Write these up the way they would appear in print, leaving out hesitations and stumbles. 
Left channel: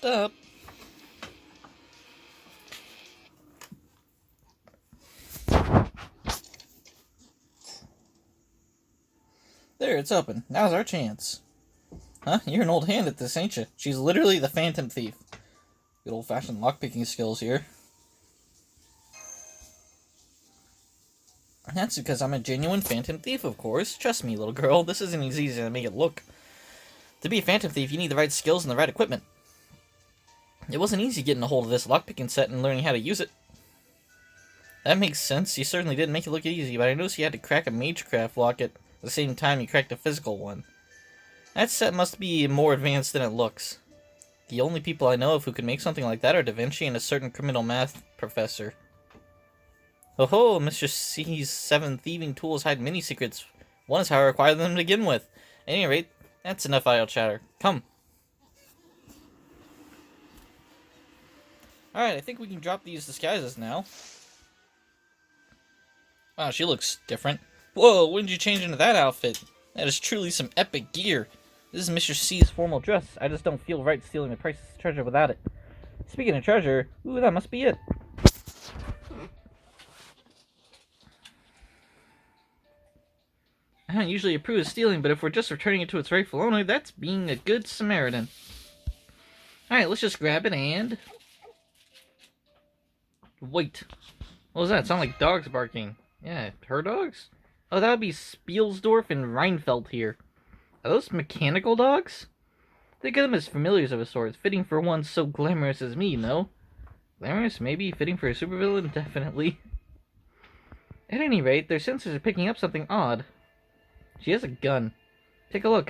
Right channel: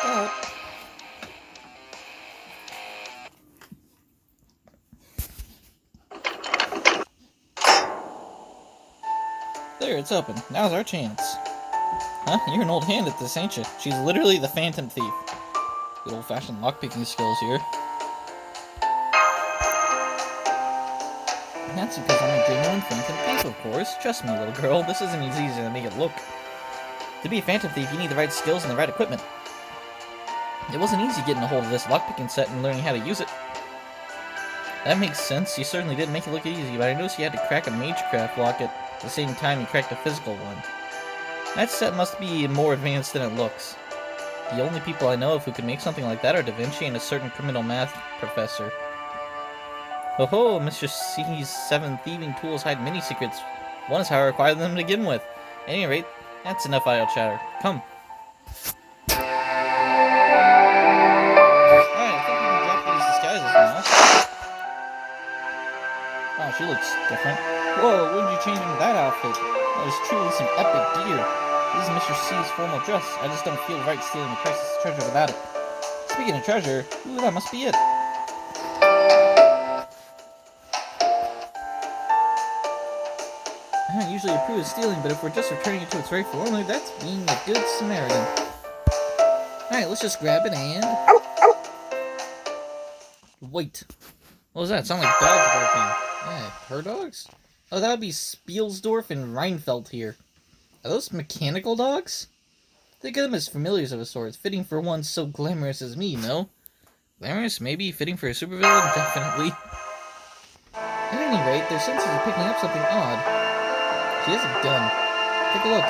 Stop. There, it's open. Now's our chance. Huh? You're an old hand at this, ain't you? She's literally the Phantom Thief. Good old-fashioned lockpicking skills here. That's because I'm a genuine Phantom Thief, of course. Trust me, little girl, this isn't as easy as I make it look. To be a Phantom Thief, you need the right skills and the right equipment. It wasn't easy getting a hold of this lockpicking set and learning how to use it. That makes sense. You certainly didn't make it look easy, but I noticed you had to crack a Magecraft lock at the same time you cracked a physical one. That set must be more advanced than it looks. The only people I know of who could make something like that are Da Vinci and a certain criminal math professor. Oh ho, Mr. C's 7 thieving tools hide many secrets. One is how I acquired them to begin with. At any rate, that's enough idle chatter. Come. Alright, I think we can drop these disguises now. Wow, she looks different. Whoa, when did you change into that outfit? That is truly some epic gear. This is Mr. C's formal dress. I just don't feel right stealing the priceless treasure without it. Speaking of treasure, ooh, that must be it. I don't usually approve of stealing, but if we're just returning it to its rightful owner, that's being a good Samaritan. Alright, let's just grab it and... Wait. What was that? Sound like dogs barking. Yeah, her dogs? Oh, that would be Spielsdorf and Reinfeldt here. Are those mechanical dogs? Think of them as familiars of a sort, fitting for one so glamorous as me, no? Glamorous? Maybe. Fitting for a supervillain? Definitely. At any rate, their senses are picking up something odd. She has a gun. Take a look.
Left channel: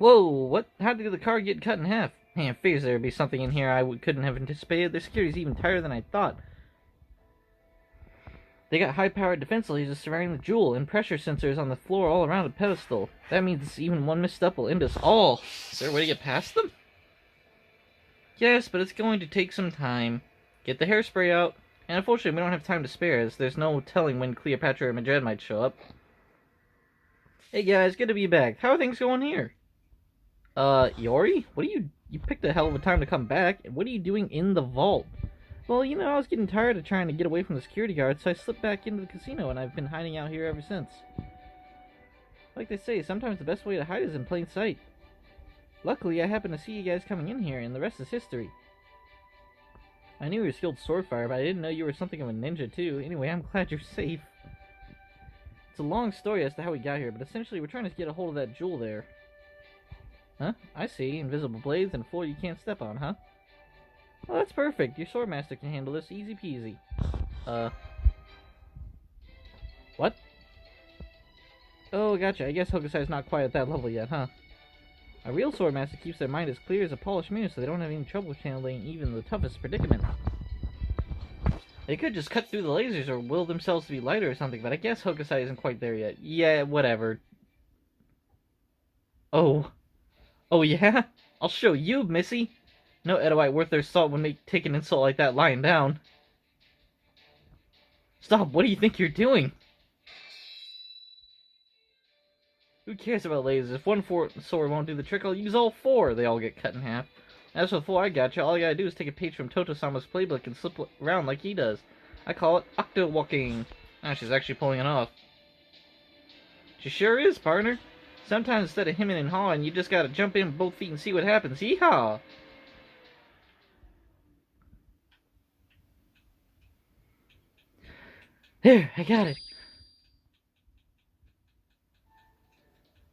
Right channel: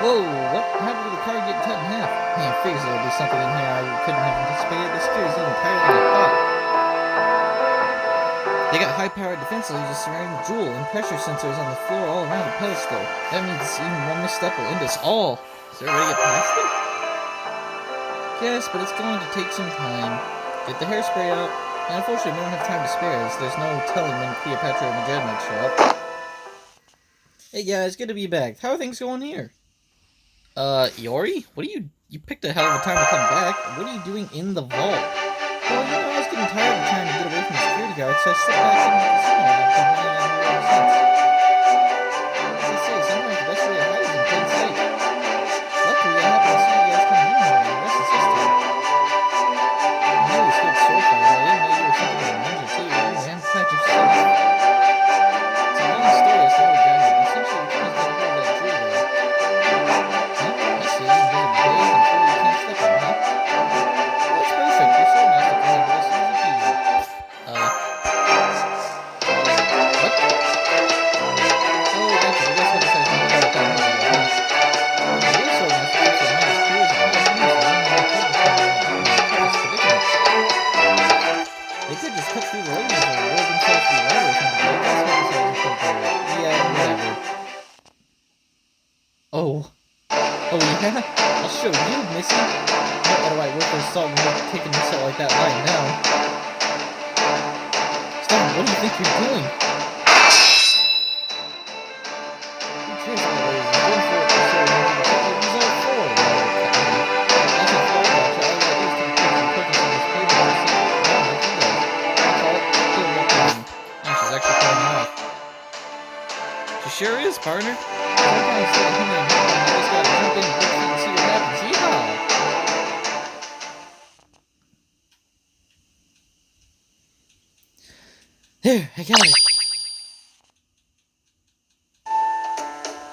Whoa, what? How did the car get cut in half? Man, figures there would be something in here I couldn't have anticipated. This gear is even tighter than I thought. They got high-powered defense lasers surrounding the jewel and pressure sensors on the floor all around the pedestal. That means even one misstep will end us all. Is there a way to get past them? Yes, but it's going to take some time. Get the hairspray out. And unfortunately, we don't have time to spare, as there's no telling when Cleopatra or Madrid might show up. Hey guys, good to be back. How are things going here? Yori? What are you picked a hell of a time to come back. What are you doing in the vault? Well, you know, I was getting tired of trying to get away from the security guards, so I slipped back into the casino, and I've been hiding out here ever since. As I say, sometimes the best way to hide is in plain sight. Luckily, I happened to see you guys coming in here, and the rest is history. I knew you skilled sword fight, I didn't know you were something of a ninja too. Anyway, I'm glad you're safe. It's a long story as to how we got here, but essentially we're trying to get a hold of that jewel there. Huh? I see. Invisible blades and floor you can't step on, huh? Well, that's perfect. Your sword master can handle this easy peasy. What? Oh, gotcha. I guess what this has not quite that long ago, huh? The real sword master keeps their mind as clear as a polished mirror, so they don't even trouble finding the toughest predicaments. They could just cut through the lasers or will themselves through lighter or something, but I guess what this isn't quite there yet. Yeah, whatever. Oh. Oh yeah? I'll show you, Missy! No Edelwhite worth their salt when they're taking insult like that lying down. Stop, what do you think you're doing? Who cares about lasers? One for it, sure, and do the trick, I'll use all four. They all get cut in half. That's before I got you, all you gotta do is take a picture and focus on this playbook and slip it around like he does. I call it octo walking. Oh, she's actually pulling off. She sure is, partner. Sometimes instead of hemming and hawing, you just gotta jump in both feet and see what happens. Yeehaw! There, I got it.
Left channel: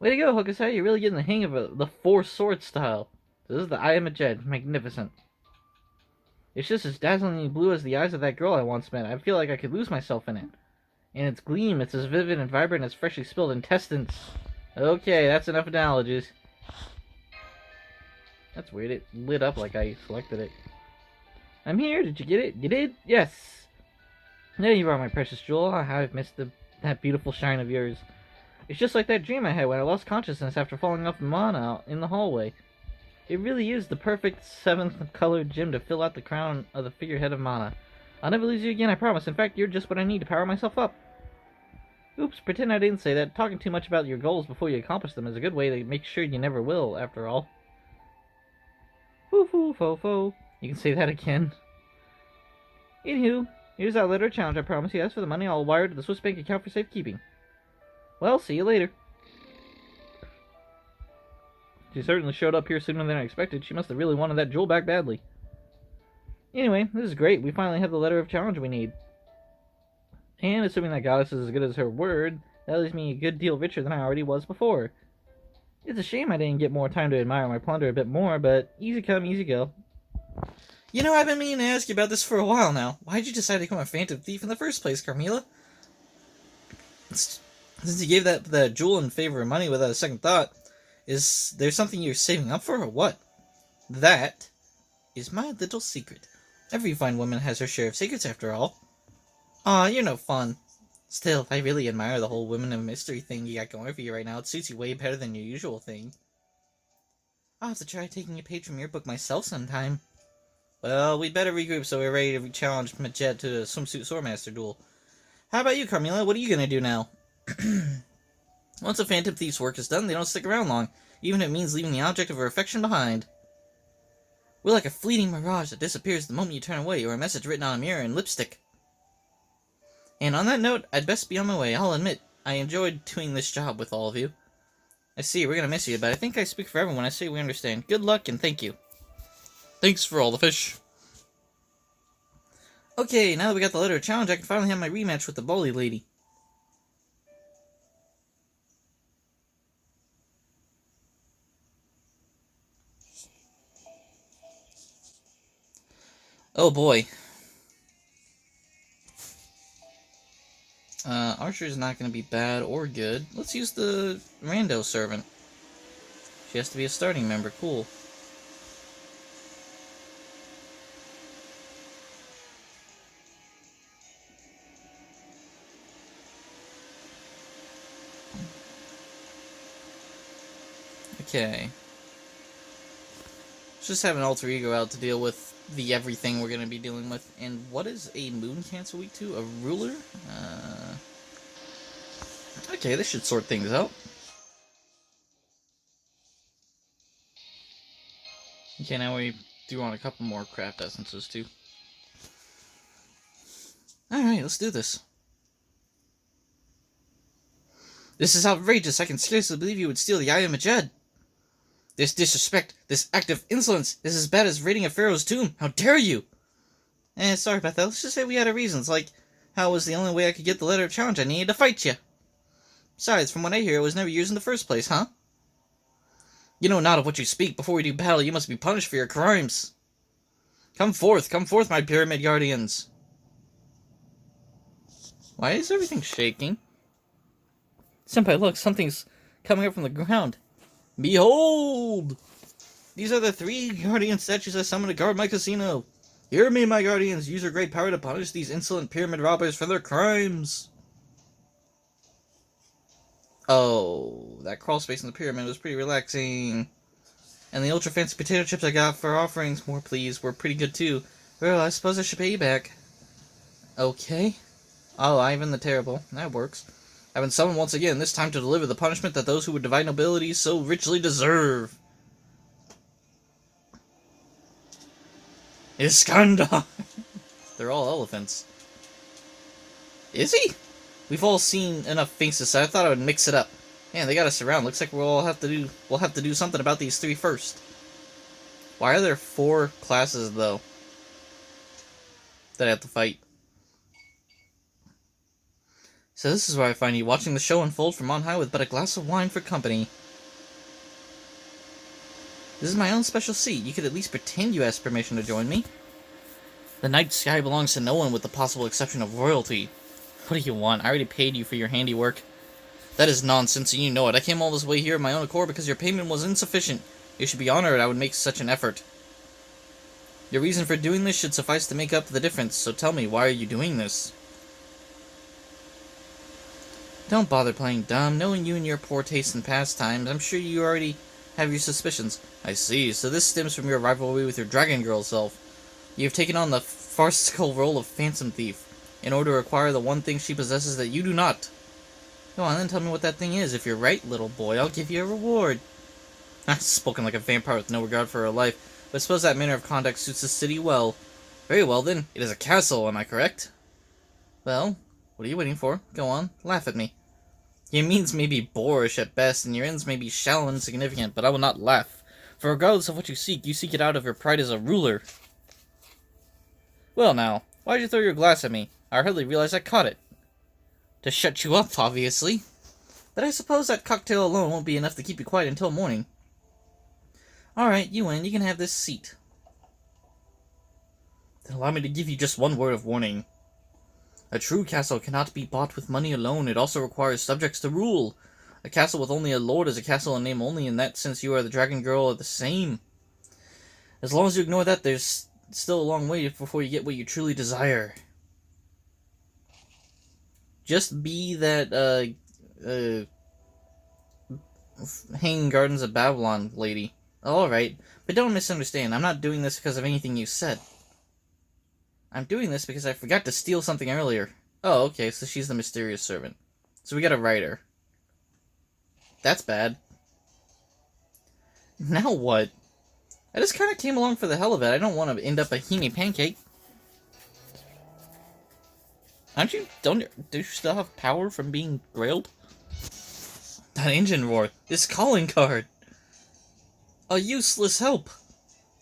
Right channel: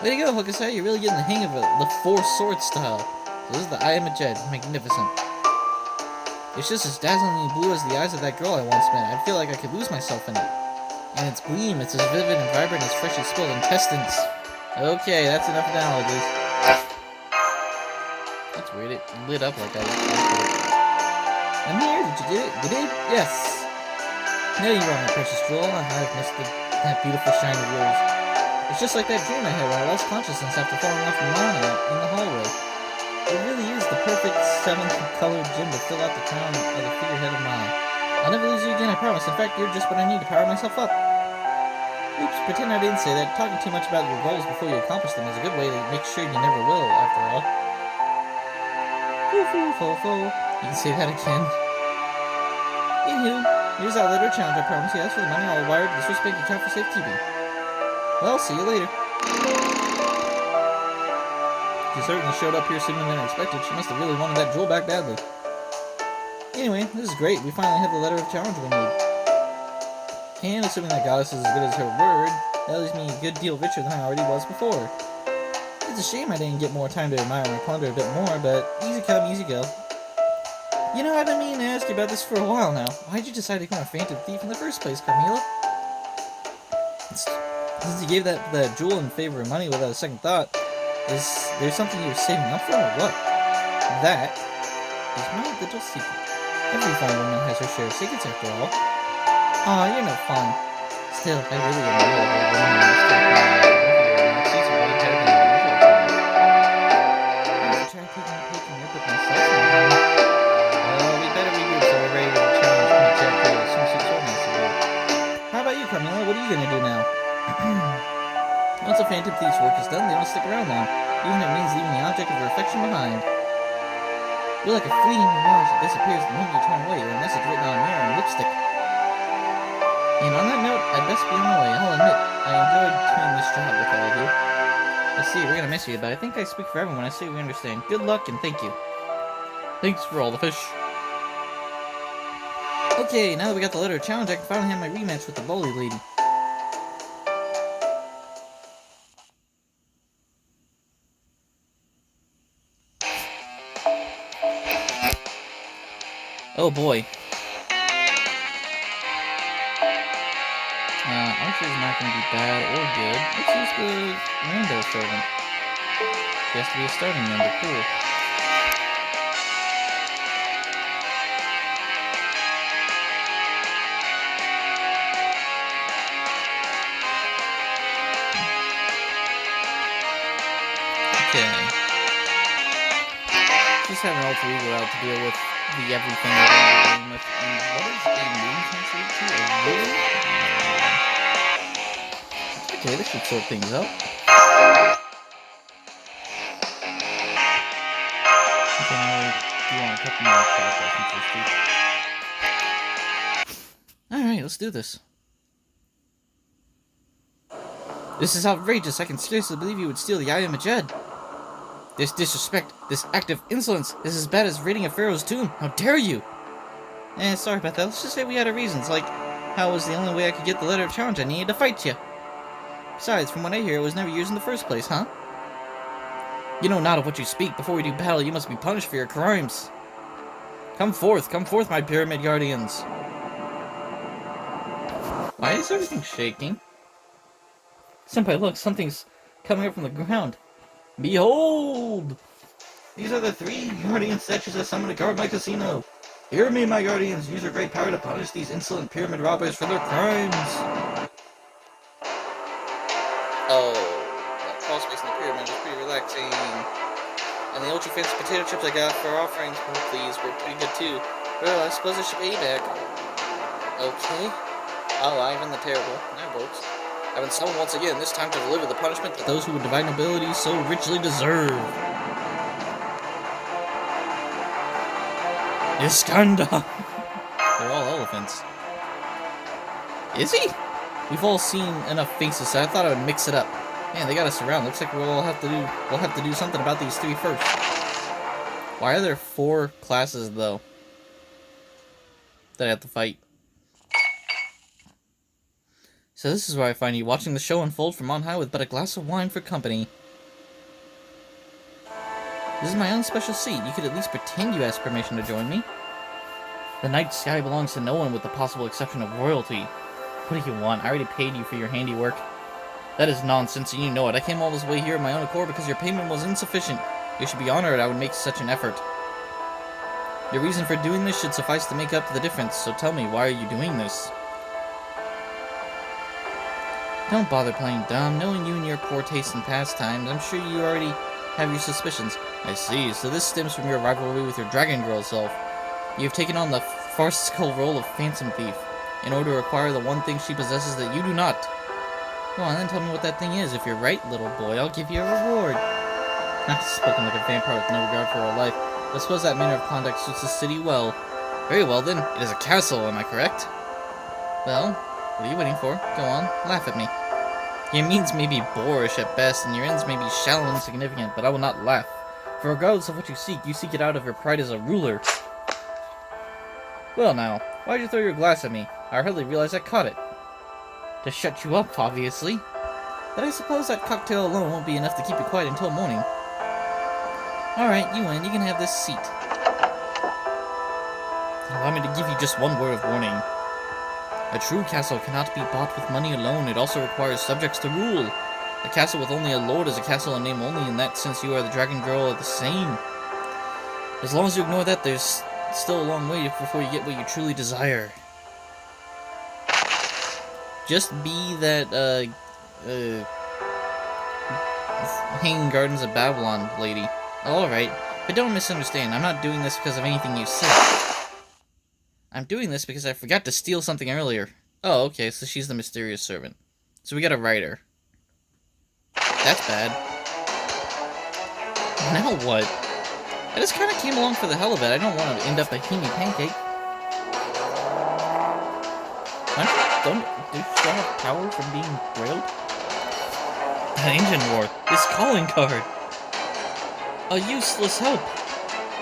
Way to go, Hokusai. You're really getting the hang of it. The four sword style. So this is the Eye of Majed. Magnificent. It's just as dazzlingly blue as the eyes of that girl I once met. I feel like I could lose myself in it. And its gleam, it's as vivid and vibrant as freshly spilled intestines. Okay, that's enough analogies. That's weird. It lit up like I expected it. I'm here. Did you get it? You did? Yes. There you are, my precious jewel. I've missed that beautiful shine of yours. It's just like that dream I had when I lost consciousness after falling off Mana in the hallway. It really is the perfect 7th-colored gem to fill out the crown of the figurehead of Mana. I'll never lose you again, I promise. In fact, you're just what I need to power myself up. Oops, pretend I didn't say that. Talking too much about your goals before you accomplish them is a good way to make sure you never will, after all. Foo foo fo fo. You can say that again. Anywho, here's our letter of challenge. I promise you. As for the money, I'll wire to the Swiss bank account for safekeeping. Well, see you later. She certainly showed up here sooner than I expected. She must have really wanted that jewel back badly. Anyway, this is great. We finally have the letter of challenge we need. And assuming that goddess is as good as her word, that leaves me a good deal richer than I already was before. It's a shame I didn't get more time to admire my plunder a bit more, but easy come, easy go. You know, I've been meaning to ask you about this for a while now. Why'd you decide to become a phantom thief in the first place, Carmilla? Since you gave the jewel in favor of money without a second thought, is there something you're saving up for, or what? That is my little secret. Every fine woman has her share of secrets, after all. Aw, you're no fun. Still, I really admire the whole woman and mystery family iconography right now. It suits her way better than your usual form. I'll have to try taking a page from your book myself sometime. Well, we better regroup so we're ready to challenge Midget to a swimsuit swordmaster duel. How about you, Carmilla? What are you gonna do now? Once a phantom thief's work is done, they don't stick around long, even if it means leaving the object of her affection behind. We're like a fleeting mirage that disappears the moment you turn away, or a message written on a mirror in lipstick. And on that note, I'd best be on my way. I'll admit, I enjoyed doing this job with all of you. I see, we're gonna miss you, but I think I speak for everyone when I say we understand. Good luck, and thank you. Thanks for all the fish. Okay, now that we got the letter of challenge, I can finally have my rematch with the bully lady. Oh boy. Archer's not going to be bad or good. Let's use the rando servant. She has to be a starting member. Cool. Okay. Just have an alter ego out to deal with the everything we're going to be dealing with. And what is a moon cancer to? A ruler? Okay, this should sort things out. Okay, now we do want a couple more craft essences too. Alright, let's do this. This is outrageous. I can scarcely believe you would steal the Eye of Majed. This disrespect, this act of insolence, is as bad as raiding a pharaoh's tomb. How dare you? Sorry about that. Let's just say we had our reasons, like how it was the only way I could get the letter of challenge I needed to fight you. Besides, from what I hear, it was never used in the first place, huh? You know not of what you speak. Before we do battle, you must be punished for your crimes. Come forth, my pyramid guardians. Why is everything shaking? Senpai, look, something's coming up from the ground. Behold! These are the 3 guardian statues I summoned to guard my casino. Hear me, my guardians. Use your great power to punish these insolent pyramid robbers for their crimes. Oh, that crawl space in the pyramid was pretty relaxing. And the ultra fancy potato chips I got for offerings, oh please, were pretty good too. Well, I suppose I should pay you back. Okay. Oh, Ivan the Terrible. That works. I've been summoned once again, this time to deliver the punishment that those who would divide nobility so richly deserve. Iskandar! They're all elephants. Is he? We've all seen enough faces, so I thought I would mix it up. Man, they got us around. Looks like we'll have to do something about these 3 first. Why are there 4 classes though that I have to fight? So this is where I find you, watching the show unfold from on high with but a glass of wine for company. This is my own special seat. You could at least pretend you asked permission to join me. The night sky belongs to no one with the possible exception of royalty. What do you want? I already paid you for your handiwork. That is nonsense, and you know it. I came all this way here of my own accord because your payment was insufficient. You should be honored I would make such an effort. Your reason for doing this should suffice to make up the difference, so tell me, why are you doing this? Don't bother playing dumb. Knowing you and your poor taste in pastimes, I'm sure you already have your suspicions. I see, so this stems from your rivalry with your Dragon Girl self. You've taken on the farcical role of Phantom Thief, in order to acquire the one thing she possesses that you do not. Go on, then tell me what that thing is. If you're right, little boy, I'll give you a reward. I've spoken like a vampire with no regard for her life, but I suppose that manner of conduct suits the city well. Very well, then. It is a castle, am I correct? Well, what are you waiting for? Go on, laugh at me. Your means may be boorish at best, and your ends may be shallow and insignificant, but I will not laugh. For regardless of what you seek it out of your pride as a ruler. Well now, why did you throw your glass at me? I hardly realized I caught it. To shut you up, obviously. But I suppose that cocktail alone won't be enough to keep you quiet until morning. Alright, you win. You can have this seat. Allow me to give you just one word of warning. A true castle cannot be bought with money alone. It also requires subjects to rule. A castle with only a lord is a castle in name only. In that sense, you are the dragon girl are the same. As long as you ignore that, there's still a long way before you get what you truly desire. Just be that, Hanging Gardens of Babylon lady. Alright, but don't misunderstand. I'm not doing this because of anything you said. I'm doing this because I forgot to steal something earlier. Oh, okay, so she's the mysterious servant. So we gotta write her. That's bad. Now what? I just kinda came along for the hell of it. I don't want to end up a Hime pancake. Do you still have power from being brailled? That engine roar. This calling card. A useless help.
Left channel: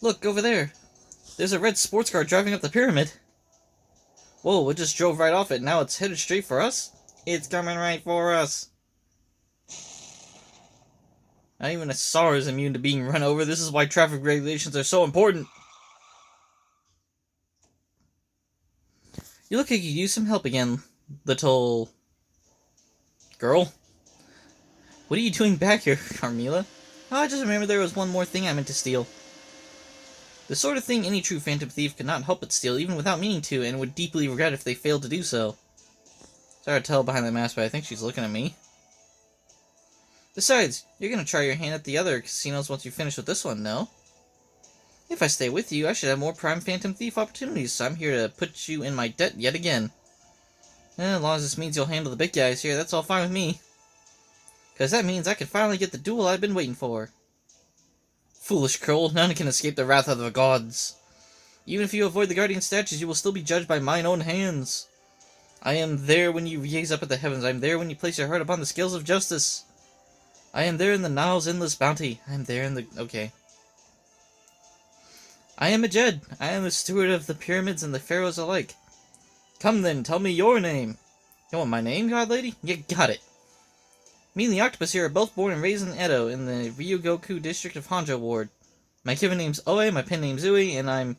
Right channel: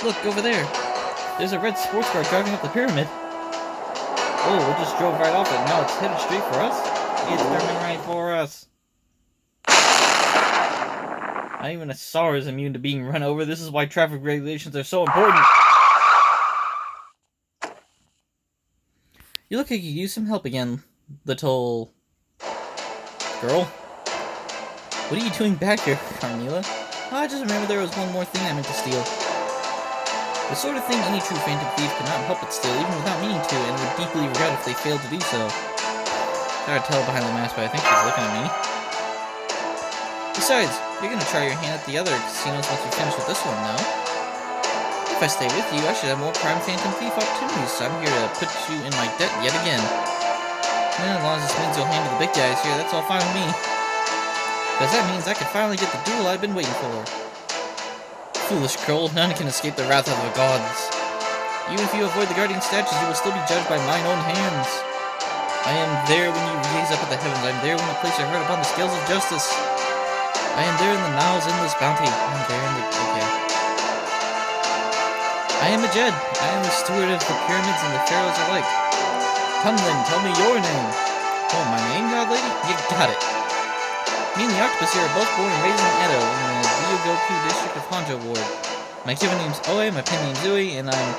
Look, over there. There's a red sports car driving up the pyramid. Whoa, it just drove right off it. Now it's headed straight for us? It's coming right for us. Not even a SAR is immune to being run over. This is why traffic regulations are so important. You look like you could use some help again, little girl. What are you doing back here, Carmilla? Oh, I just remembered there was one more thing I meant to steal. The sort of thing any true phantom thief could not help but steal, even without meaning to, and would deeply regret if they failed to do so. It's hard to tell behind the mask, but I think she's looking at me. Besides, you're gonna try your hand at the other casinos once you finish with this one, no? If I stay with you, I should have more prime phantom thief opportunities, so I'm here to put you in my debt yet again. And as long as this means you'll handle the big guys here, that's all fine with me. Because that means I can finally get the duel I've been waiting for. Foolish Kroll, none can escape the wrath of the gods. Even if you avoid the guardian statues, you will still be judged by mine own hands. I am there when you gaze up at the heavens. I am there when you place your heart upon the scales of justice. I am there in the Nile's endless bounty. I am there in the... okay. I am a Jed. I am the steward of the pyramids and the pharaohs alike. Come then, tell me your name. Oh, my name, God Lady? You got it. Me and the octopus here are both born and raised in Edo, in the Ryogoku district of Honjo Ward. My given name's Oe, my pen name's Zui, and I'm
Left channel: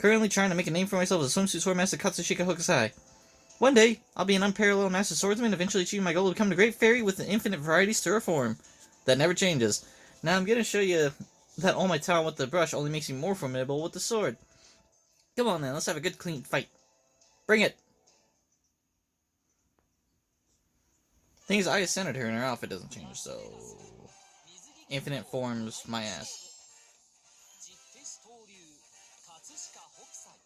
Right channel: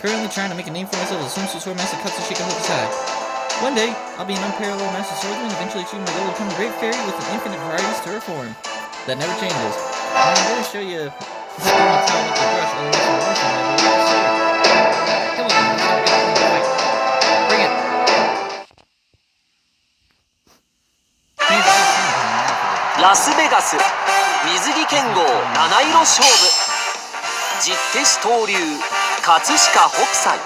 currently trying to make a name for myself as a swimsuit sword master Katsushika Hokusai. One day, I'll be an unparalleled master swordsman, eventually achieving my goal to become a great fairy with an infinite varieties to her form. That never changes. Now I'm going to show you that only talent with the brush only makes me more formidable with the sword. Come on, let's have a good clean fight. Bring it! Means I assumed her now for the... ラスベガス水着剣豪七色勝負実手師登竜葛飾北斎フ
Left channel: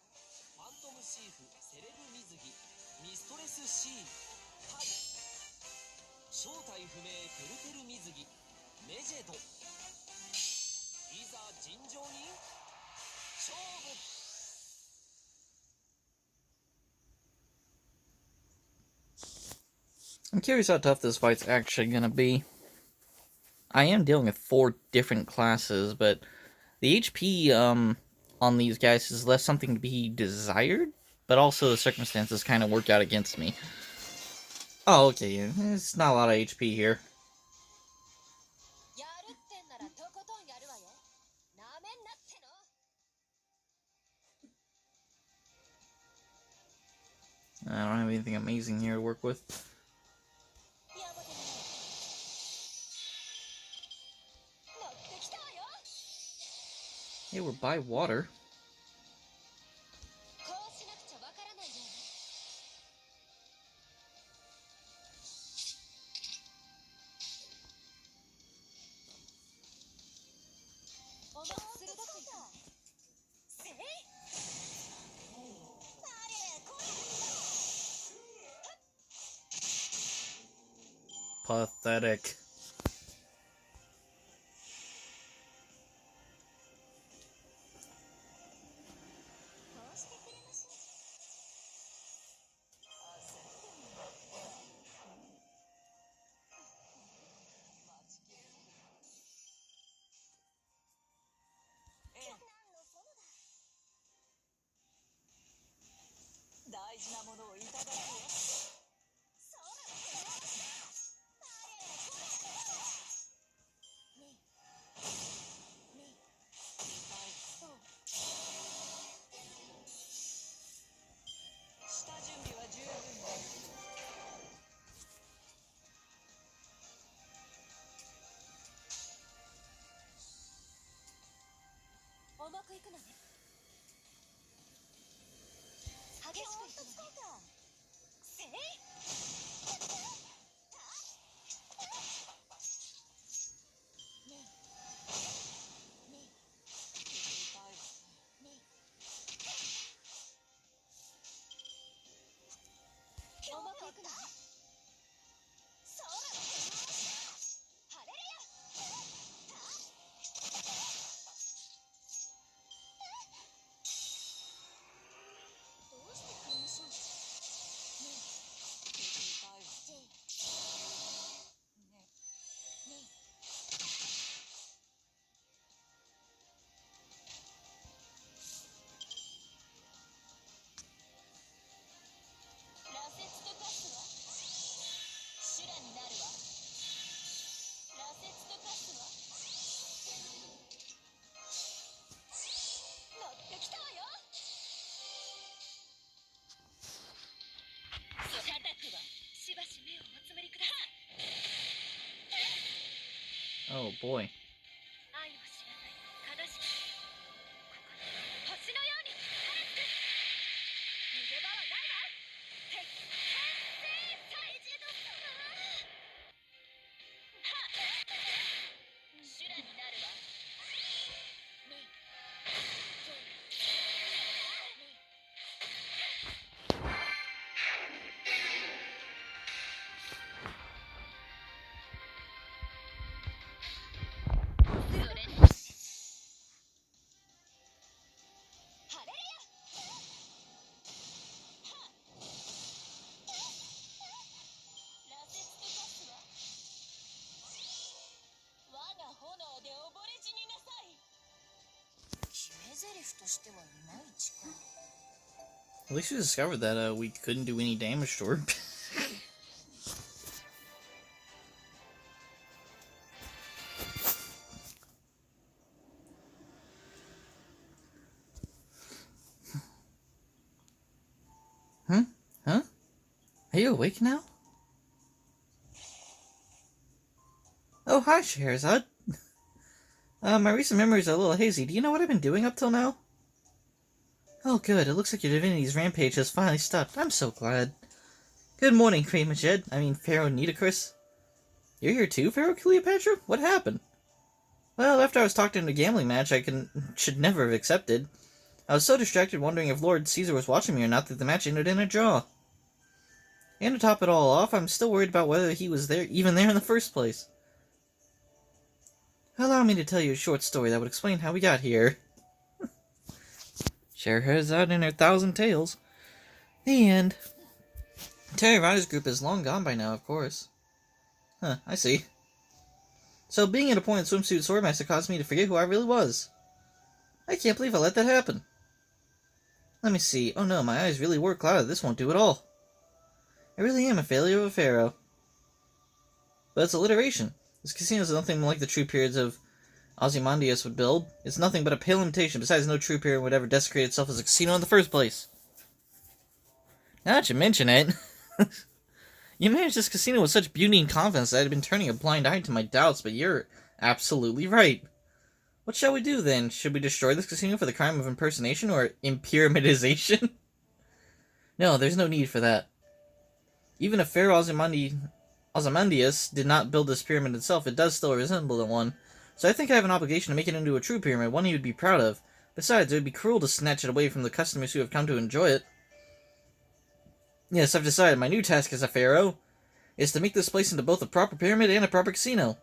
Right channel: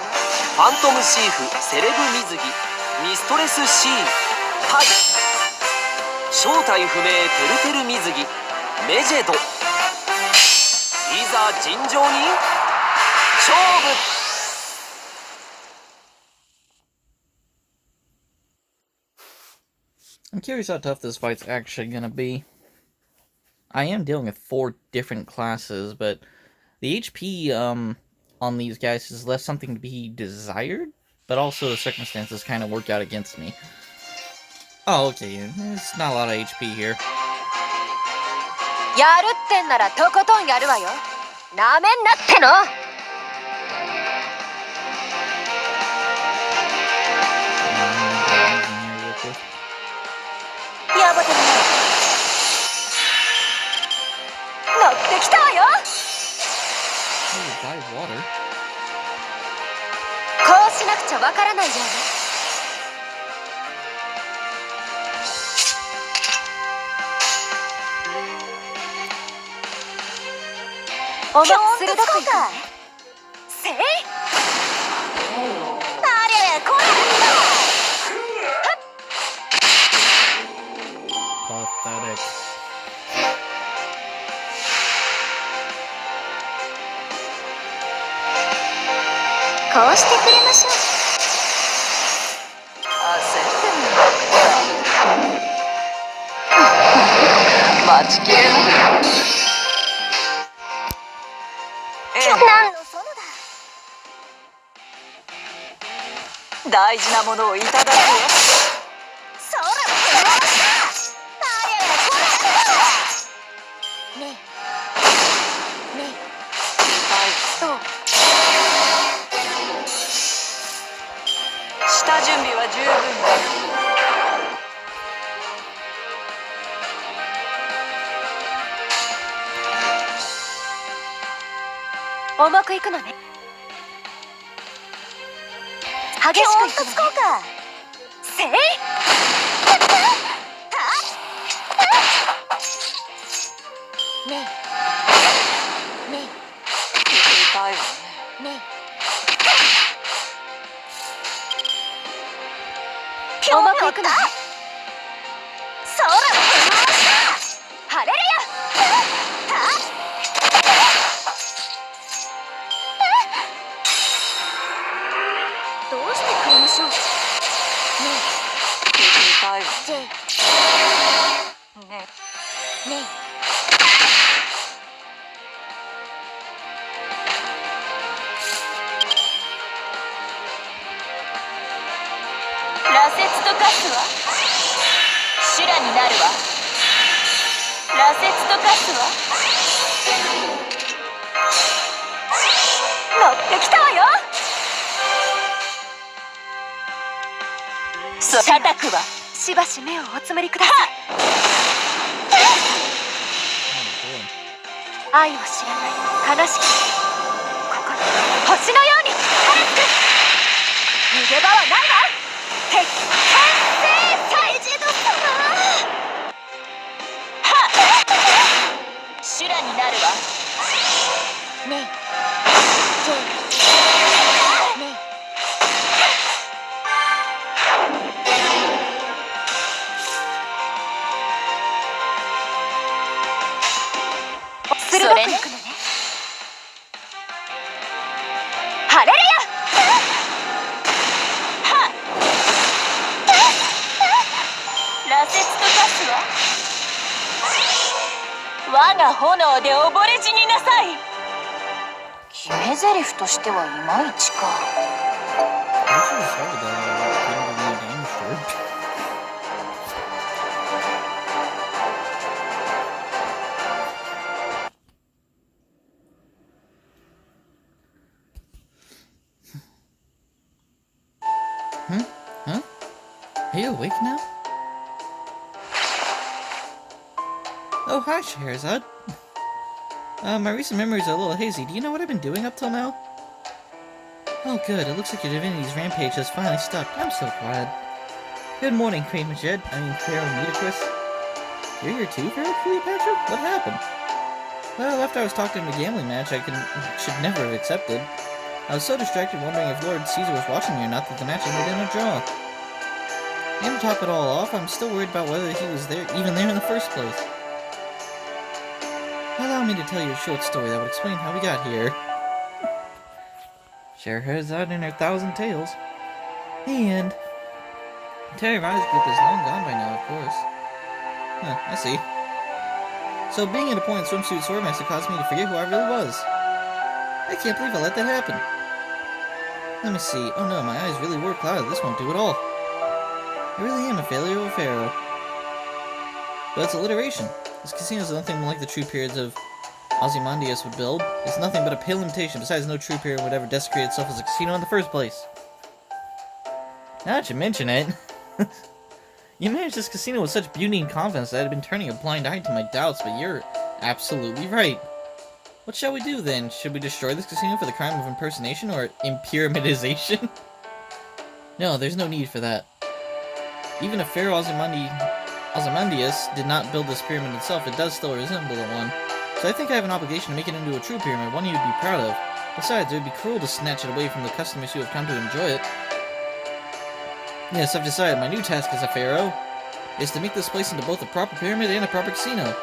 ァントムシーフセレブ水着ミストレスシーンタイ正体不明てるてる水着メジェドいざ尋常に勝負 I'm curious how tough this fight's actually gonna be. I am dealing with 4 different classes, but the HP on these guys has left something to be desired, but also the circumstances kind of work out against me. Oh, okay, there's not a lot of HP here. やるってんならとことんやるわよ。なめんなっての。やばてるね。乗ってきたわよ。Oh, buy water. こうしなくちゃわからないよね。おま鋭くいくせい。あれこれ。pathetic. こうしてくれましょう。待ちきれない。何の園だ。大事なものをいただくよ。そらねえねえと下準備は十分だ。重くいくのね。激しくいくのね。せいねえね痛いわね。えねえ重くいくのね。そらハレルヤ。どうしてくれましょう。ね痛いわえね。ねえ羅刹と化すわ。修羅になるわ。羅刹と化すわ。乗ってきたわよ。社宅はしばし目をおつむりください。 Oh boy. 愛を知らない悲しき心、星のように晴れつく。逃げ場はないわ。鉄拳制祭事の様。はっ修羅になるわ。ねえねえ鋭くいくのね。ハレルヤ。羅刹と化すわ。我が炎で溺れ死になさい。決め台詞としてはいまいちか。 I wish I discovered that I couldn't do any damage to her. Huh? Are you awake now? Oh, hi, Scheherazade. My recent memories are a little hazy. Do you know what I've been doing up till now? Oh, good. It looks like your divinity's rampage has finally stopped. I'm so glad. Good morning, Queen Majed. I mean, Pharaoh Nitocris. You're here too, Pharaoh Cleopatra? What happened? Well, after I was talked into a gambling match should never have accepted. I was so distracted wondering if Lord Caesar was watching me or not that the match ended in a draw. And to top it all off, I'm still worried about whether he was even there in the first place. Allow me to tell you a short story that would explain how we got here. Scheherazade and her 1,000 tales. The end. Terry Riley's group is long gone by now, of course. Huh, I see. So being in a pointed swimsuit swordmaster caused me to forget who I really was. I can't believe I let that happen. Let me see. Oh no, my eyes really were clouded. This won't do at all. I really am a failure of a pharaoh. But it's alliteration. This casino is nothing like the true periods of Ozymandias would build. It's nothing but a pale imitation. Besides, no true period would ever desecrate itself as a casino in the first place. Now that you mention it, you managed this casino with such beauty and confidence that I had been turning a blind eye to my doubts, but you're absolutely right. What shall we do then? Should we destroy this casino for the crime of impersonation or impyramidization? No, there's no need for that. Even if Pharaoh Ozymandias did not build this pyramid itself, it does still resemble the one. So I think I have an obligation to make it into a true pyramid, one he would be proud of. Besides, it would be cruel to snatch it away from the customers who have come to enjoy it. Yes, I've decided my new task as a pharaoh is to make this place into both a proper pyramid and a proper casino.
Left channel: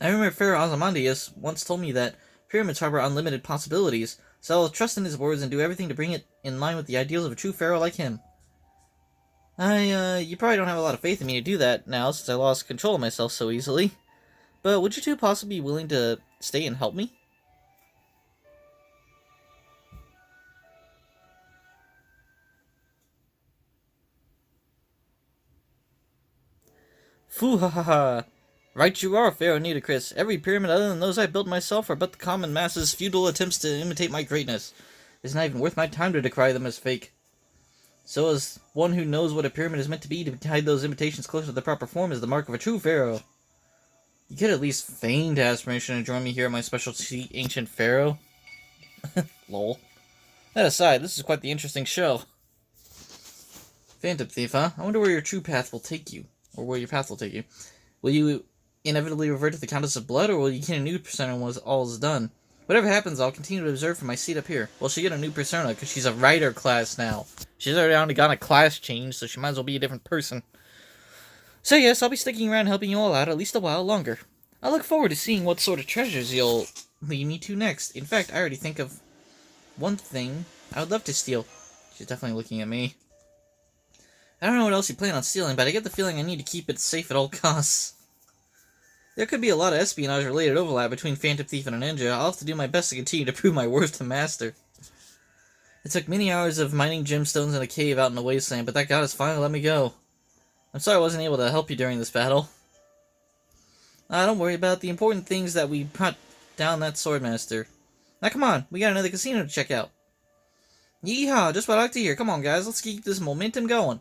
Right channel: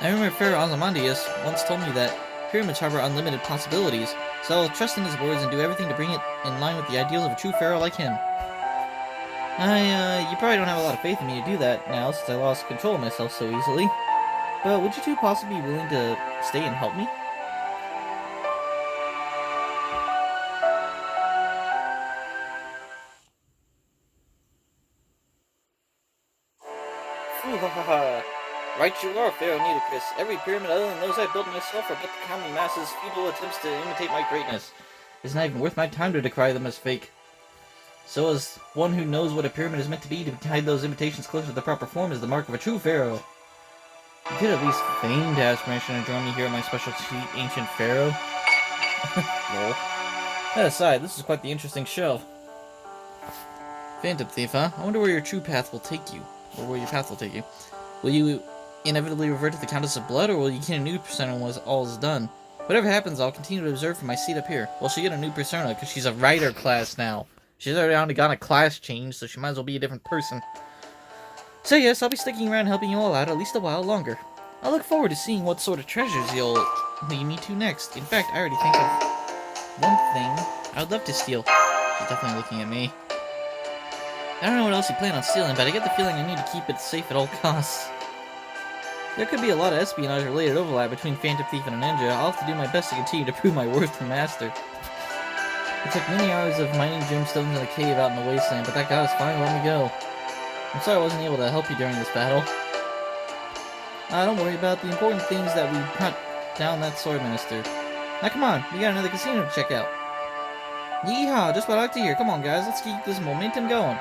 I remember Pharaoh Ozymandias once told me that pyramids harbor unlimited possibilities, so I'll trust in his words and do everything to bring it in line with the ideals of a true pharaoh like him. You probably don't have a lot of faith in me to do that now, since I lost control of myself so easily. But would you two possibly be willing to stay and help me? Foo ha ha ha. Right you are, Pharaoh Nitocris. Every pyramid other than those I built myself are but the common masses' futile attempts to imitate my greatness. It's not even worth my time to decry them as fake. So as one who knows what a pyramid is meant to be, to guide those imitations closer to the proper form is the mark of a true pharaoh. You could at least feign to ask permission to join me here at my special seat, Ancient Pharaoh. Lol. That aside, this is quite the interesting show. Phantom Thief, huh? I wonder where your true path will take you. Or where your path will take you. Will you inevitably revert to the Countess of Blood, or will you get a new persona when all is done? Whatever happens, I'll continue to observe from my seat up here. Well, she'll get a new persona, because she's a writer class now. She's already undergone a class change, so she might as well be a different person. So yes, I'll be sticking around helping you all out at least a while longer. I look forward to seeing what sort of treasures you'll lead me to next. In fact, I already think of one thing I would love to steal. She's definitely looking at me. I don't know what else you plan on stealing, but I get the feeling I need to keep it safe at all costs. There could be a lot of espionage-related overlap between Phantom Thief and a ninja. I'll have to do my best to continue to prove my worth to Master. It took many hours of mining gemstones in a cave out in the wasteland, but that goddess finally let me go. I'm sorry I wasn't able to help you during this battle. Don't worry about the important things that we brought down that Swordmaster. Now come on, we got another casino to check out. Yeehaw, just what I like to hear. Come on guys, let's keep this momentum going.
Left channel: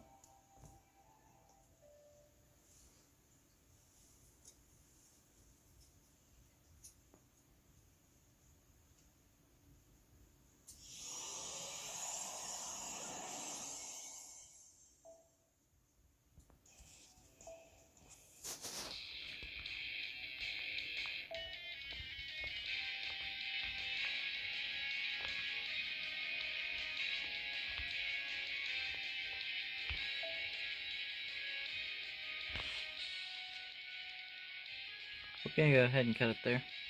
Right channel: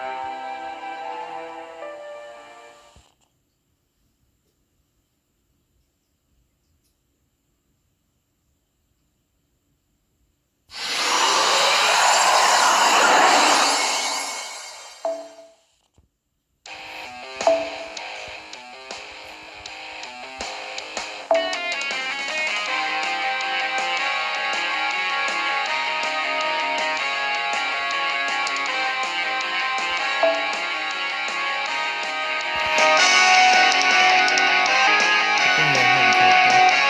Bring your head and take that.